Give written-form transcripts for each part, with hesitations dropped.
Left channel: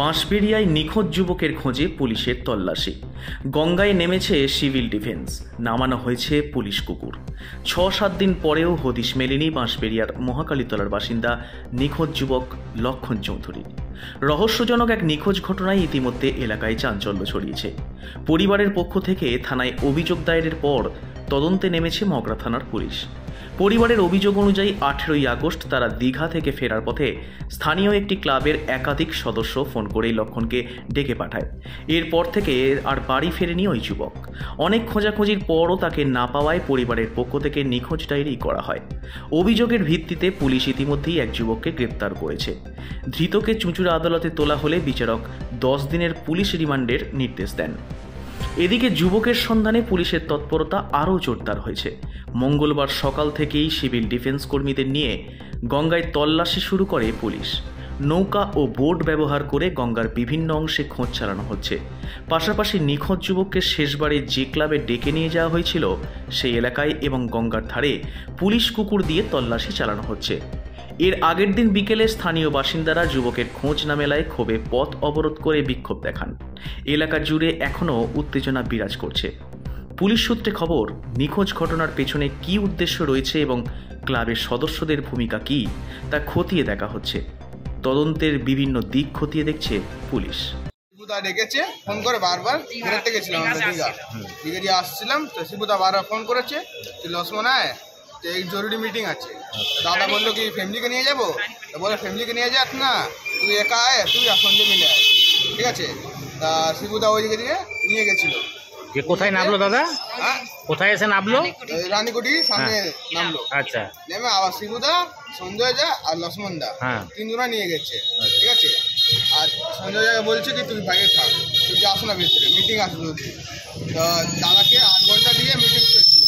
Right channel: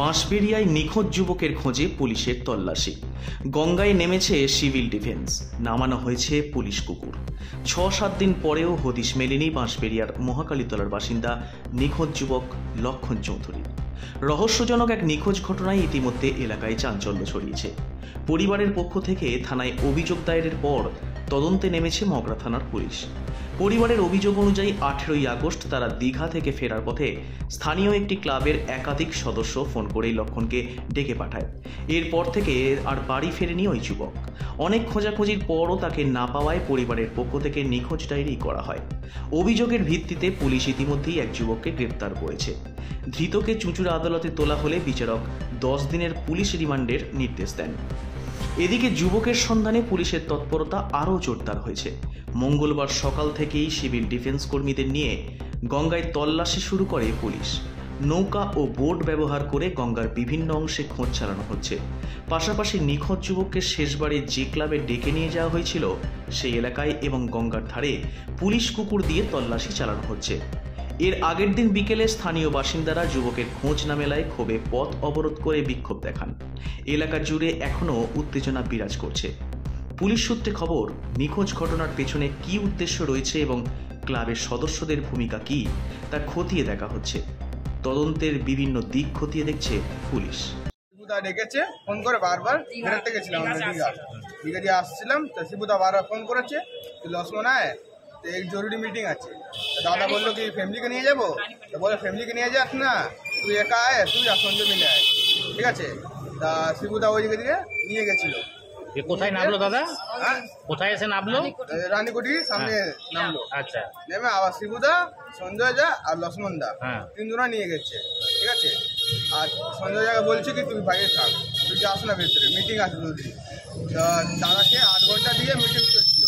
বাঁশবেড়িয়ায় নিখোঁজ যুবকের খোঁজে পুলিশের তল্লাশি। গঙ্গায় নেমেছে সিভিল ডিফেন্স, নামানো হয়েছে পুলিশ কুকুর। ৬-৭ দিন পরেও হদিশ মেলেনি বাঁশবেড়িয়ার মহাকালীতলার বাসিন্দা নিখোঁজ যুবক লক্ষণ চৌধুরী। রহস্যজনক এক নিখোঁজ ঘটনায় ইতিমধ্যে এলাকায় চাঞ্চল্য ছড়িয়েছে। পরিবারের পক্ষ থেকে থানায় অভিযোগ দায়েরের পর তদন্তে নেমেছে মগরা থানার পুলিশ। পরিবারের অভিযোগ অনুযায়ী 18ই আগস্ট তারা দীঘা থেকে ফেরার পথে স্থানীয় একটি ক্লাবের একাধিক সদস্য ফোন করেই লক্ষণকে ডেকে পাঠায়। এরপর থেকে আর বাড়ি ফেরেনি ওই যুবক। অনেক খোঁজাখুঁজির পরও তাকে না পাওয়ায় পরিবারের পক্ষ থেকে নিখোঁজ ডায়েরি করা হয়। অভিযোগের ভিত্তিতে পুলিশ ইতিমধ্যেই এক যুবককে গ্রেপ্তার করেছে। ধৃতকে চুঁচুড়া আদালতে তোলা হলে বিচারক 10 দিনের পুলিশ রিমান্ডের নির্দেশ দেন। এদিকে যুবকের সন্ধানে পুলিশের তৎপরতা আরও জোরদার হয়েছে। মঙ্গলবার সকাল থেকেই সিভিল ডিফেন্স কর্মীদের নিয়ে গঙ্গায় তল্লাশি শুরু করে পুলিশ। নৌকা ও বোট ব্যবহার করে গঙ্গার বিভিন্ন অংশে খোঁজ চালানো হচ্ছে। পাশাপাশি নিখোঁজ যুবককে শেষবারে যে ক্লাবে ডেকে নিয়ে যাওয়া হয়েছিল সেই এলাকায় এবং গঙ্গার ধারে পুলিশ কুকুর দিয়ে তল্লাশি চালানো হচ্ছে। এর আগের দিন বিকেলে স্থানীয় বাসিন্দারা যুবকের খোঁজ না মেলায় ক্ষোভে পথ অবরোধ করে বিক্ষোভ দেখান। এলাকা জুড়ে এখনও উত্তেজনা বিরাজ করছে। পুলিশ সূত্রে খবর, নিখোঁজ ঘটনার পেছনে কী উদ্দেশ্য রয়েছে এবং ক্লাবের সদস্যদের ভূমিকা কী তা খতিয়ে দেখা হচ্ছে। তদন্তের বিভিন্ন দিক খতিয়ে দেখছে পুলিশ। শিবুদা ডেকেছে ফোন করে বারবার, বেরোতে গেছিলাম আমরা দীঘা দিয়ে আসছিলাম, তো শিবুদা বারবার ফোন করেছে তুই লক্ষ্মণ আয়, তো এই জরুরি মিটিং আছে। দাদা বললো কি ফ্যামিলিকে নিয়ে যাবো, তো বলে ফ্যামিলিকে নিয়ে যাস না, তুই একা আয়, তুই আর সঞ্জয় মিলে আয়, ঠিক আছে। তা শিবুদা ওই দিকে দিয়ে নিয়ে গেছিলো। কোথায় নামলো দাদা? হ্যাঁ, কোথায় এসে নামলো? রানীকুটির সামনে নামলো। আচ্ছা, নেমে আবার শিবুদা, সঞ্জয় দা আর লক্ষ্মণ দা তিনজনা নিয়ে গেছে, ঠিক আছে। আর সঞ্জয় দাকে বলছে কি তুই বাইরে থাক, তুই যাস না ভেতরে, মিটিং আসবে যদি। তো দাদাকে 8 ঘন্টা দিয়ে মিটিং চলছিল।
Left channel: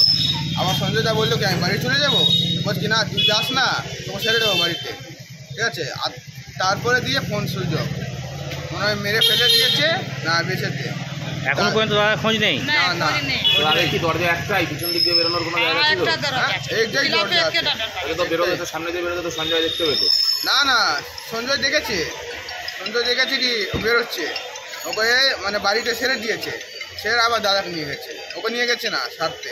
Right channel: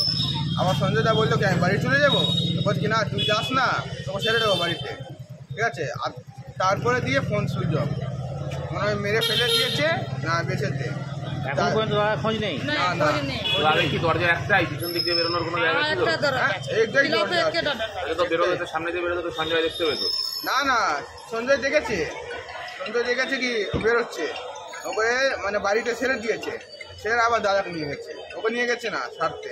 আবার সঞ্জয় দা বললো কি আমি বাড়ি চলে যাবো, বলছি না তুই যাস না, তোমাকে ছেড়ে দেবো বাড়িতে, ঠিক আছে। আর তারপরে দিয়ে ফোন সুইচ অফ, মনে হয় মেরে ফেলে দিয়েছে না বেঁচেছে। এখন পর্যন্ত দাদা খোঁজ নেই? না না, কি দরজা একটাই, পিছন দিক দিয়ে বেরোনোর কোনো জায়গা ছিল? একটাই দরজা আছে। তো বেরোতে তো সামনে দিয়ে বেরোতে তো সঞ্জয় দেখতে পেতো। না না, সঞ্জয় দেখেছে কি বেরোচ্ছে, ওকে মানে বাড়িতে ছেড়ে দিয়েছে, ছেড়ে আবার দাদাকে নিয়ে গেছে, ওকে নিয়ে গেছে না সারতে।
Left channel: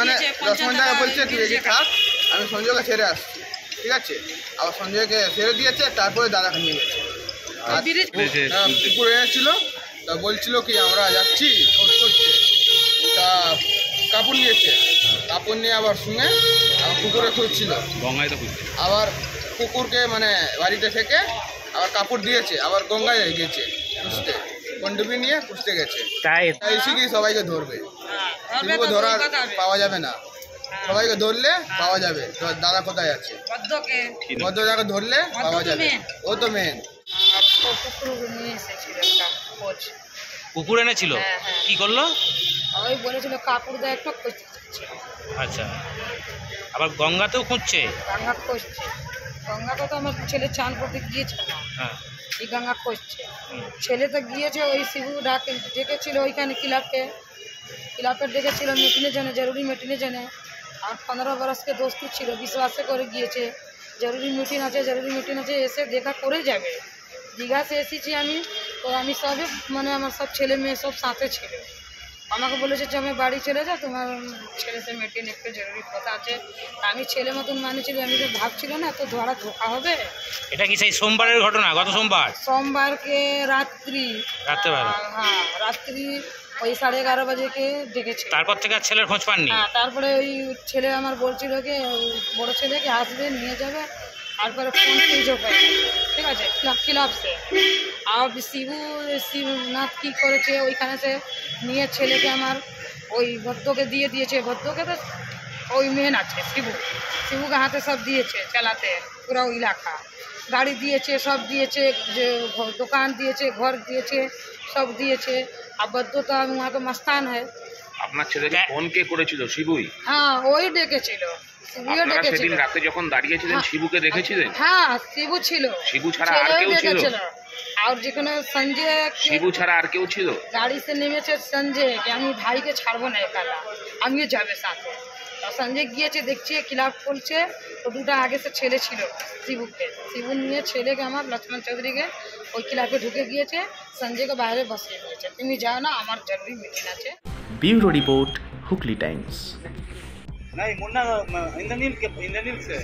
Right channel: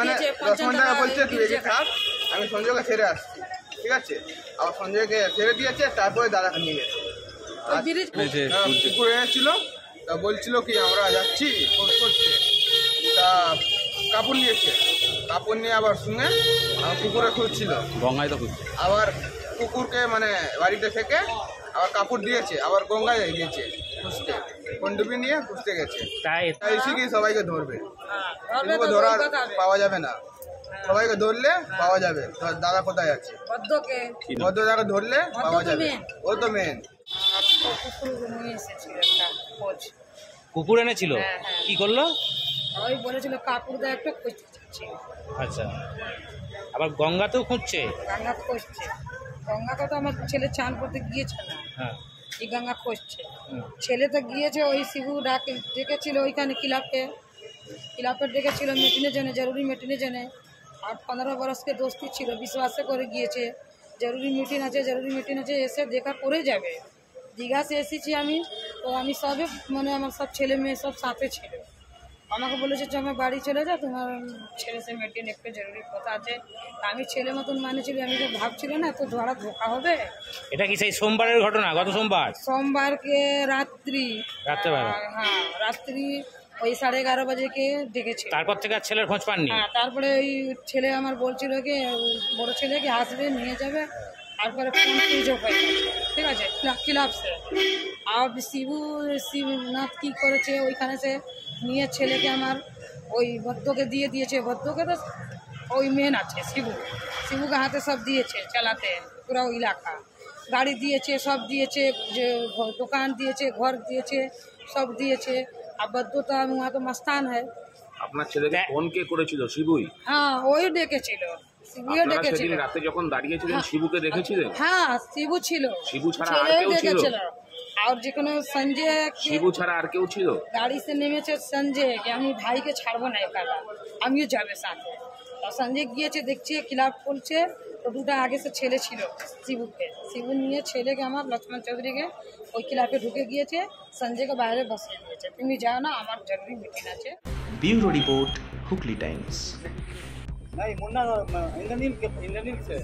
মানে লক্ষ্মণ দাদা বলছে তুই এগিয়ে থাক, আমি সঞ্জয়কে ছেড়ে আসছি, ঠিক আছে। আবার সঞ্জয়কে ছেড়ে দিয়েছে, তারপরে দাদাকে নিয়ে গেছে। আর কুকুর এনেছিল, তা বলছিল কি আমরা যাচ্ছি খোঁজ করছে, তা কাপড় নিয়েছে, কাপড় নিয়ে আবার শুনে আমার কুকুরে খুঁজছিল গঙ্গায়, তো খুঁজছে। আবার কুকুরকে মানে বাড়িতে থেকে আবার কাপড় দিয়েছে, আবার গঙ্গায় গেছে খুঁজতে, পণ্ডুবি নিয়ে খুঁজতে গেছে। তাই এসে কি সবাইকে ধরবে, শিবুকে ধরার পাওয়া যাবে না, সবাইকে ধরলে পাওয়া যাবে। তো দাদা কোথায় আছে, ভদ্রদাকে ধরলে পাওয়া যাবে, ও তো মেন। কুকুর এনেছিল, কি করলো? ওই বলেছিল কাপড় দেয় একটা খুঁজছে। আচ্ছা, আবার গঙ্গাতেও খুঁজছে? গঙ্গা খুঁজছে, গঙ্গাতে তো আমার ছেলে চান করতে গিয়েছে না, এই গঙ্গা খুঁজছে। ছেলে তো গিয়েছে, ওই শিবু ডেকেছিল ওইখানে ক্লাবকে ডেকেছিল মিটিংয়ের জন্য, জরুরি মিটিংয়ের জন্য। আর 15 বরসকে দোস্তি ছিল, বিশ্বাসে করে গিয়েছে জরুরি মিটিং আছে, এসে দেখা করে যাবে। দীঘা সে এসেছি আমি, তো আমি সবে মানে আমার সব ছেলে মেয়ে সব সাথে ছিল। আমাকে বলেছে যে আমি বাড়ি চলে যাও, তোমার ছেলে সে মিটিং একটু জরুরি কথা আছে। আমি ছেলে মতন মানেছিল, আমি তো ভাবছিল না তো ধোকা হবে। এটা কি সেই সোমবারের ঘটনা? গত সোমবারকে রাত্রিবেলা, হ্যাঁ রাত্রি ওই 11:30 বাজেকে ডেকেছে। তারপর থেকে আর ছেলের খোঁজ পাননি? হ্যাঁ, তারপরে ওই ছেলে আমার বলছিল কি বড় ছেলেকে আসবে নিয়ে যাবে, তারপরে ফোন সুইচ অফ হয়ে গেছে, ঠিক আছে। ক্লাব সে আর শিবনাথ কী করেছে, ওইখানে সে নিয়ে ছেলেকে আমার ওই ভদ্রকে দিয়ে দিয়েছে। ভদ্রকে তো ওই মেন আছে শিবুকে হাতে সব দিয়েছে চালাতে, পুরো এলাকা গাড়ি দিয়েছে, সব দিয়েছে, যে দোকান দিয়েছে, ঘর দিয়েছে, সব দিয়েছে। আর ভদ্র তো वहाँ তো মস্তান হয়। আপনার ছেলেকে ফোন কে করেছিল? শিবুই? হ্যাঁ, ওই ডেকেছিল, শিবুও ডেকেছিল। সেদিন রাতে যখন দাঁড়িয়েছিলেন শিবুকে দেখেছিলেন? হ্যাঁ, শিবু ছিল, শিবু ছাড়া আর কেউ ছিল? আর যেখানে সঞ্জয়, শিবু ছাড়া আর কেউ ছিল? গাড়ি সে নেমেছে সঞ্জয়, আমি ভাইকে ছাড়বো না একালা, আমিও যাবে সাথে। আর সঞ্জয় গিয়েছে দেখছে ক্লাব খুলছে, তো দুটো আগে সে ছেলে ছিল শিবু নিয়ে ছেলেকে আমার লক্ষ্মণ চৌধুরীকে ওই ক্লাবে ঢুকে গিয়েছে, সঞ্জয়কে বাইরে বসিয়ে দিয়েছে, তুমি যাও না আমার জরুরি মিটিং আছে। Bureau report, Hooghly Times. नहीं मुन्ना इंद्रनील से